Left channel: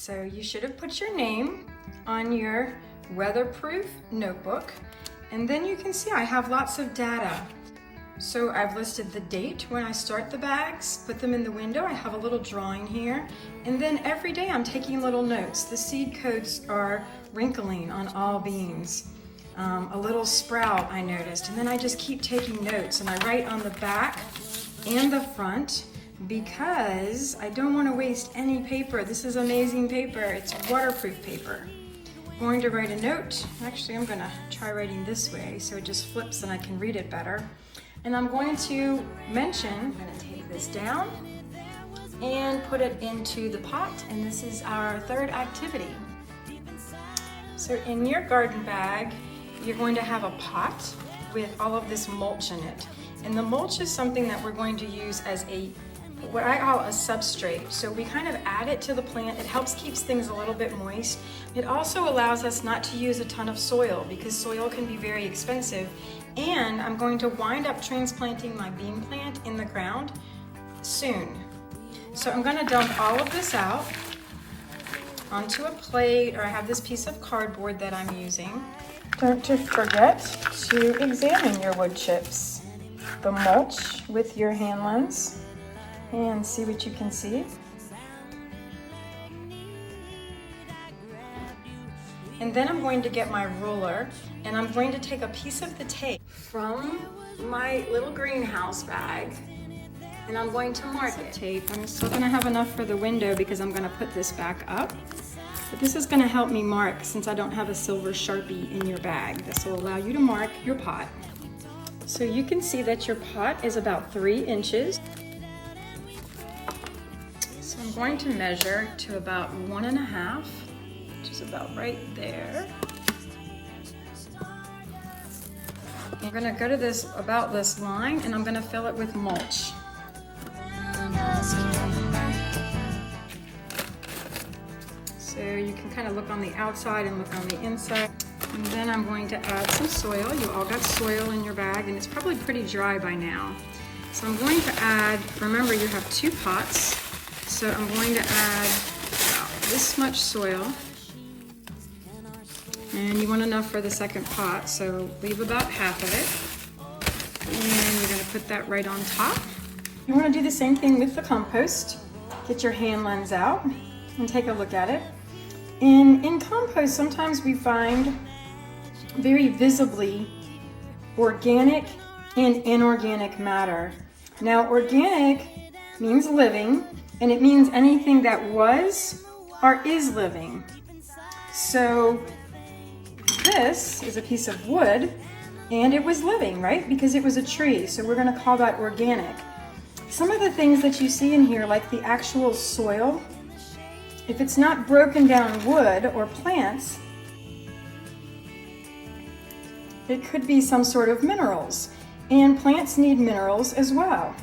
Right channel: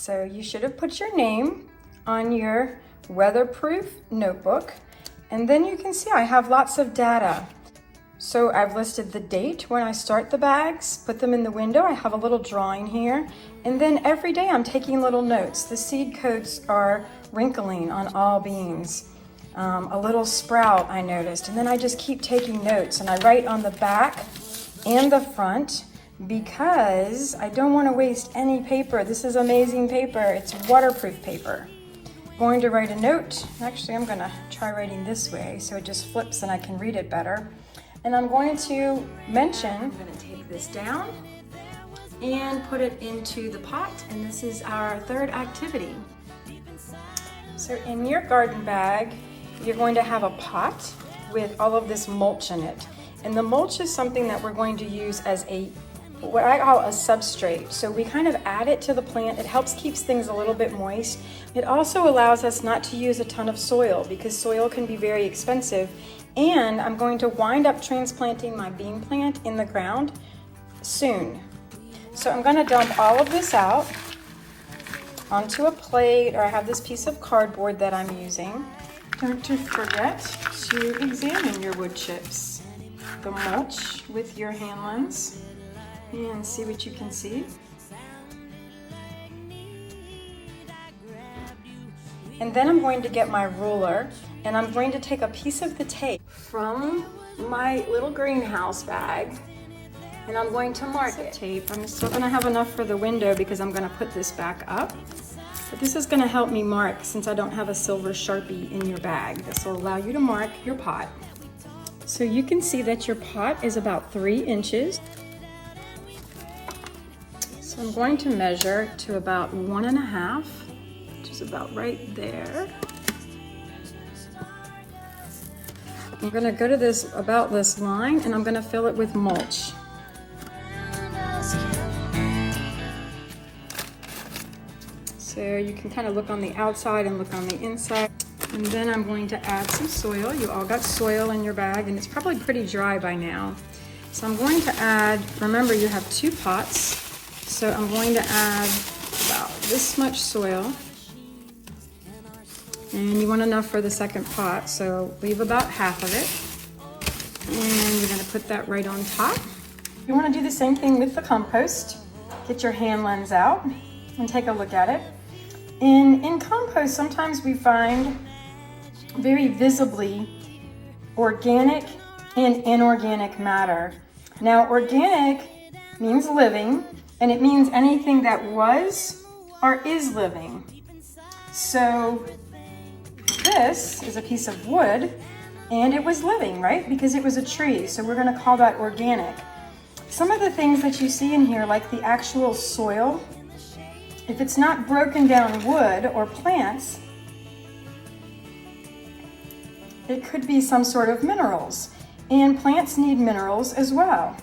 So you should have put your name on your weatherproof notebook, and then you can see I have lots of data. So I've listed the date when I start the bags, put them in the window. I have a little drawing here, and then every day I'm taking little notes. The seed coats are wrinkling on all beans. A little sprout I noticed, and then I just keep taking notes, and I write on the back and the front because I don't want to waste any paper. This is amazing paper. It's waterproof paper. I'm going to write a note. Actually, I'm going to try writing this way so it just flips and I can read it better. And I'm going to mention, I'm going to take this down and put it into the pot, and this is our third activity. So in your garden bag, you're going to have a pot with all of this mulch in it. And the mulch is something that we're going to use as what I call a substrate. So we kind of add it to the plant. It helps keeps things a little bit moist. It also allows us not to use a ton of soil because soil can be very expensive. And I'm going to wind up transplanting my bean plant in the ground soon. So I'm going to dump all of this out onto a plate, or I have this piece of cardboard that I'm using. Don't forget to examine your wood chips, the mulch with your hand lens, and see what you can see. And then I'm going to get my ruler, and I'm going to take a piece of the tape from my little greenhouse bag, and I'm going to mark it. Tape. I'm still going to have enough for the window because I'm going to put this back up. But this is going to help me mark since I don't have a silver Sharpie in your bag. This will allow you to mark your pot. So you can see that your pot is about 3 inches. So I'm going to measure to about 1.5, which is about right there. I'm going to go to about this line, and I'm going to fill it with mulch. So you can kind of look on the outside and look on the inside. And then I'm going to add some soil. You all got soil in your bag, and it's probably pretty dry by now. So I'm going to add, remember you have 2 pots. So I'm going to add about this much soil. And you want enough for the second pot, so leave about half of it. And you're going to put that right on top. You want to do the same thing with the compost. Get your hand lens out and take a look at it. In compost, sometimes we find very visibly organic and inorganic matter. Now, organic means living, and it means anything that was or is living. So this is a piece of wood, and it was living, right? Because it was a tree, so we're going to call that organic. Some of the things that you see in here, like the actual soil, if it's not broken down wood or plants, it could be some sort of minerals. And plants need minerals as well.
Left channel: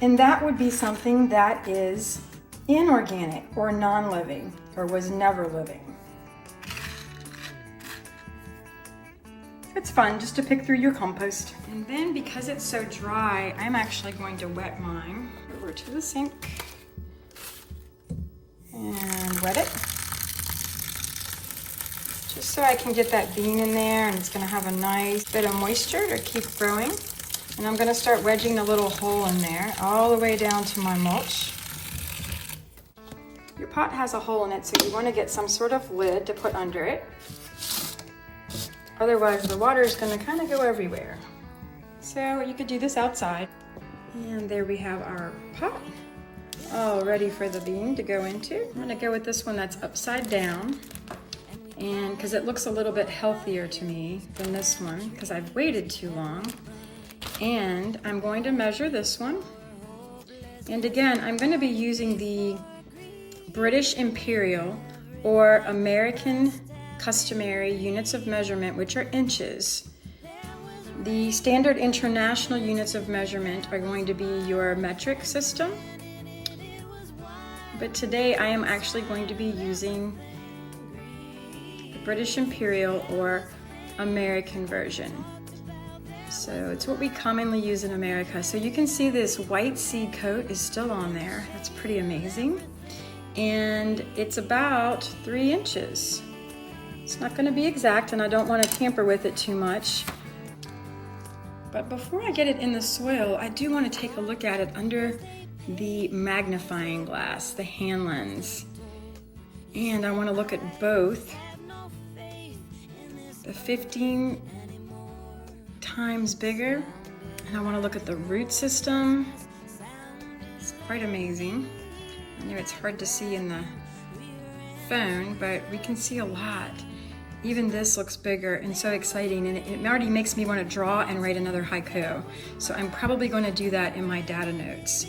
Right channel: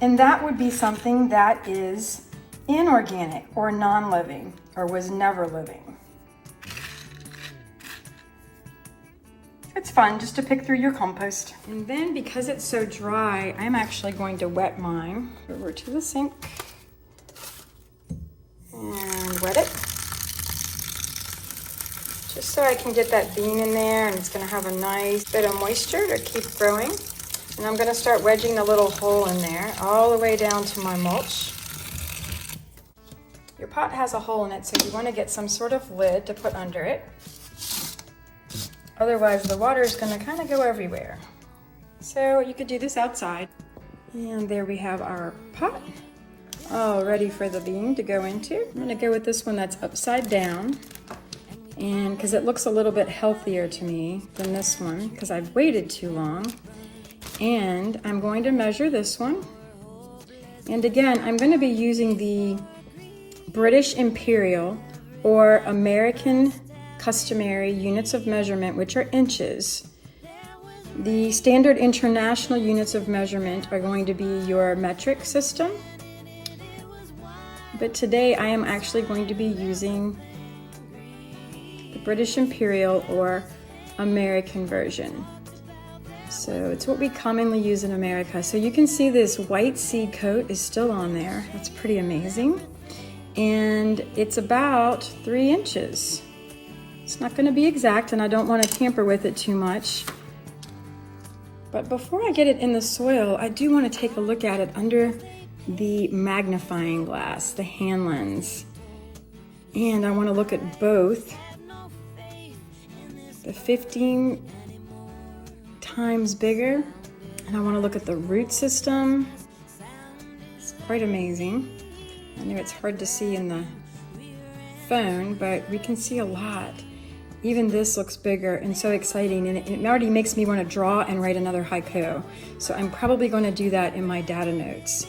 And that would be something that is inorganic or non-living or was never living. It's fun just to pick through your compost. And then because it's so dry, I'm actually going to wet mine over to the sink and wet it. Just so I can get that bean in there, and it's gonna have a nice bit of moisture to keep growing. And I'm gonna start wedging a little hole in there all the way down to my mulch. Your pot has a hole in it, so you wanna get some sort of lid to put under it. Otherwise, the water is going to kind of go everywhere. So you could do this outside. And there we have our pot, all ready for the bean to go into. I'm going to go with this one that's upside down, and because it looks a little bit healthier to me than this one, because I've waited too long. And I'm going to measure this one. And again, I'm going to be using the British Imperial or American customary units of measurement, which are inches. The standard international units of measurement are going to be your metric system. But today I am actually going to be using the British Imperial or American version. So it's what we commonly use in America. So you can see this white seed coat is still on there. That's pretty amazing. and it's about 3 inches. It's not gonna be exact, and I don't wanna tamper with it too much. But before I get it in the soil, I do wanna take a look at it under the magnifying glass, the hand lens. And I wanna look at both the 15 times bigger, and I wanna look at the root system. It's quite amazing. I know it's hard to see in the phone, but we can see a lot. Even this looks bigger and so exciting, and it already makes me want to draw and write another haiku. So I'm probably going to do that in my data notes.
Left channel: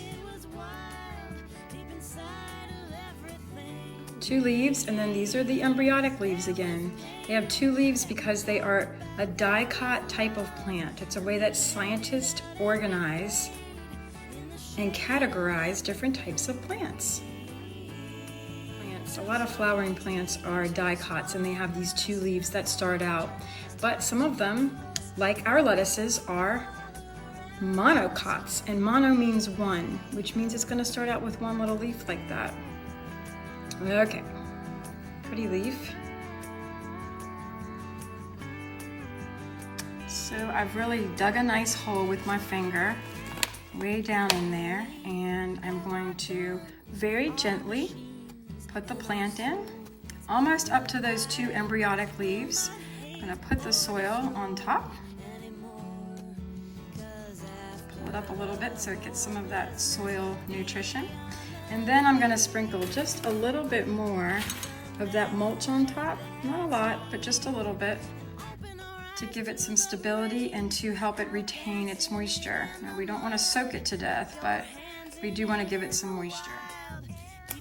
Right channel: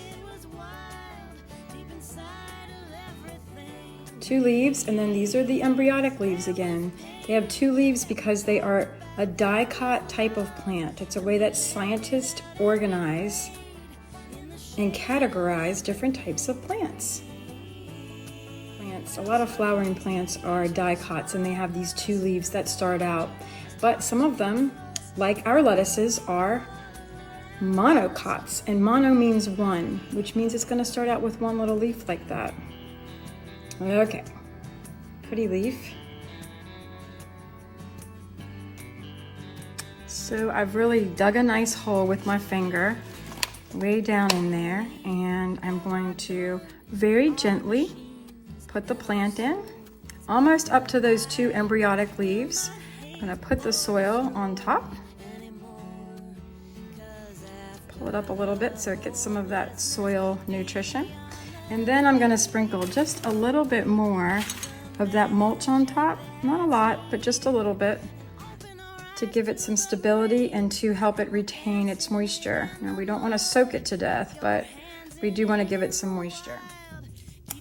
2 leaves, and then these are the embryonic leaves again. They have 2 leaves because they are a dicot type of plant. It's a way that scientists organize and categorize different types of plants. A lot of flowering plants are dicots, and they have these 2 leaves that start out. But some of them, like our lettuces, are monocots, and mono means 1, which means it's going to start out with 1 little leaf like that. Okay, pretty leaf. So I've really dug a nice hole with my finger way down in there, and I'm going to very gently put the plant in, almost up to those 2 embryonic leaves. I'm gonna put the soil on top. Pull it up a little bit so it gets some of that soil nutrition. And then I'm gonna sprinkle just a little bit more of that mulch on top. Not a lot, but just a little bit, to give it some stability and to help it retain its moisture. Now, we don't wanna soak it to death, but we do wanna give it some moisture.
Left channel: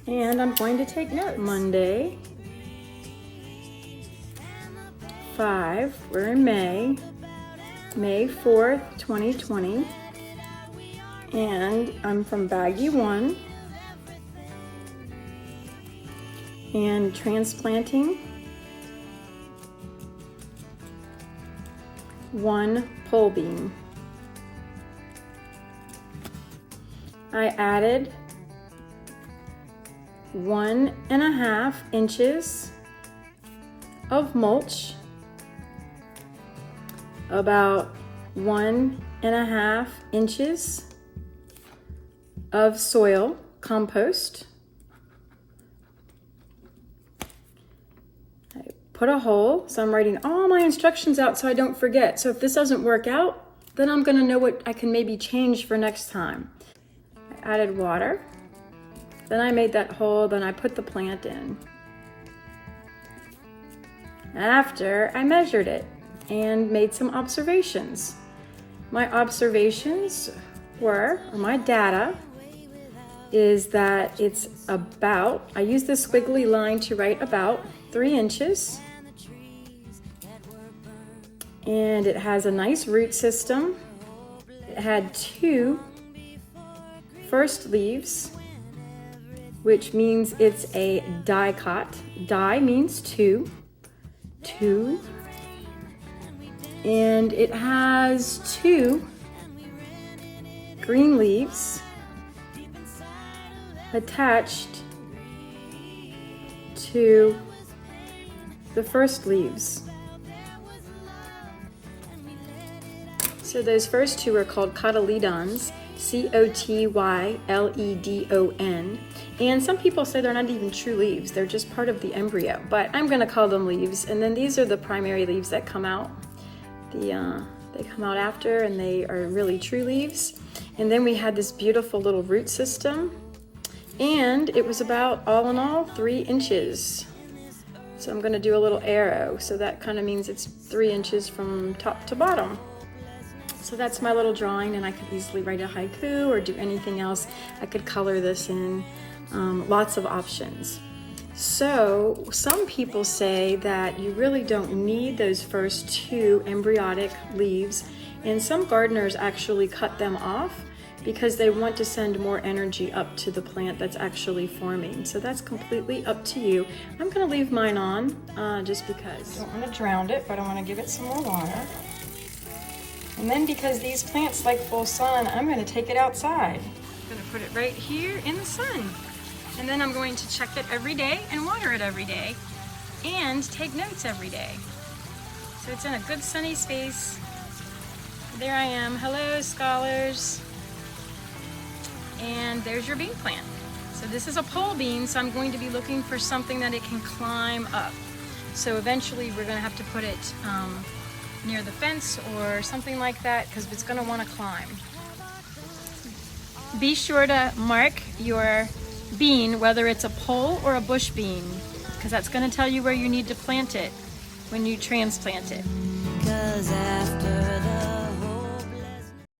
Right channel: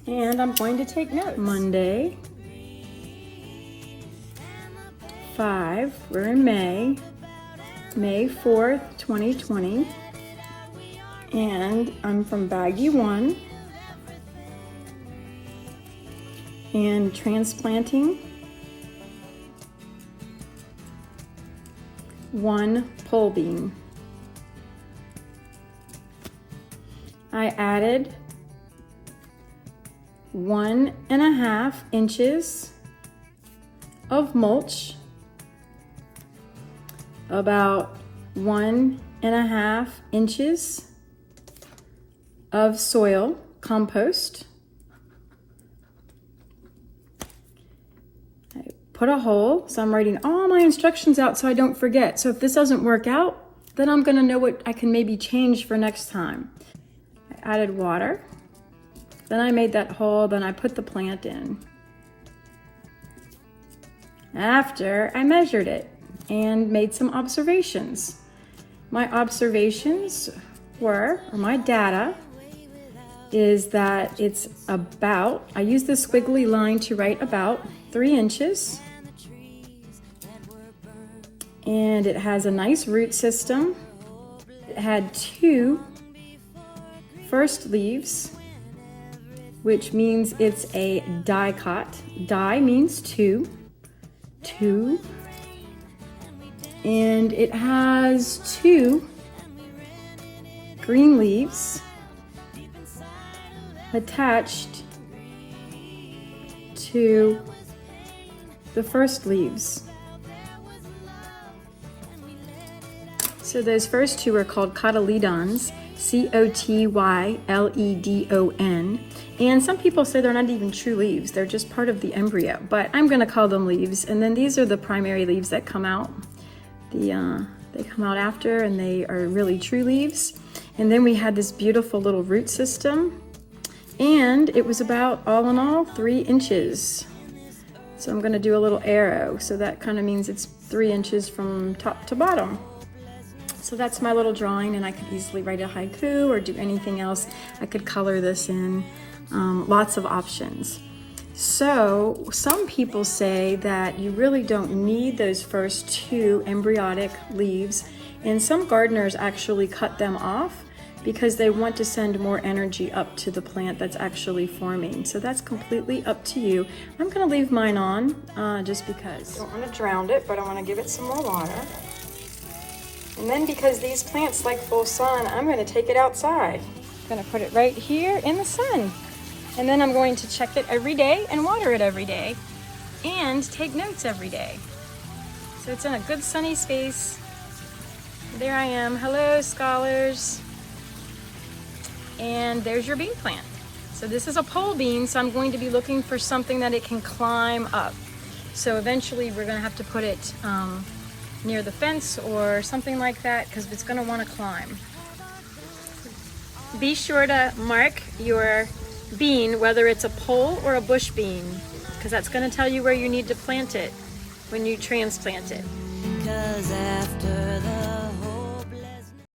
And I'm going to take note. Monday, 5, we're in May 4th, 2020. And I'm from baggie 1. And transplanting 1 pole bean. I added 1.5 inches of mulch, about 1.5 inches of soil, compost. I put a hole, so I'm writing all my instructions out so I don't forget. So if this doesn't work out, then I'm gonna know what I can maybe change for next time. I added water. Then I made that hole, then I put the plant in. After, I measured it and made some observations. My observations were, or my data, is that it's about, I used this squiggly line to write about 3 inches. And it has a nice root system. It had 2 first leaves, which means it's a dicot. Di means 2. And it has 2 green leaves attached to the first leaves. So those first 2 are called cotyledons, C-O-T-Y-L-E-D-O-N. And some people say they're not even true leaves, they're just part of the embryo, but I'm gonna call them leaves. And then these are the primary leaves that come out. They come out after, and they are really true leaves. And then we had this beautiful little root system, and it was about, all in all, 3 inches. So I'm gonna do a little arrow, so that kind of means it's 3 inches from top to bottom. So that's my little drawing, and I could easily write a haiku or do anything else. I could color this in, lots of options. So some people say that you really don't need those first 2 embryonic leaves, and some gardeners actually cut them off because they want to send more energy up to the plant that's actually forming. So that's completely up to you. I'm gonna leave mine on just because. I don't wanna drown it, but I wanna give it some more water. And then because these plants like full sun, I'm gonna take it outside. I'm gonna put it right here in the sun. And then I'm going to check it every day and water it every day and take notes every day. So it's in a good sunny space. There I am. Hello, scholars. And there's your bean plant. So this is a pole bean, so I'm going to be looking for something that it can climb up. So eventually we're gonna have to put it near the fence or something like that because it's gonna wanna climb. Be sure to mark your bean, whether it's a pole or a bush bean, because that's gonna tell you where you need to plant it when you transplant it. 'Cause after the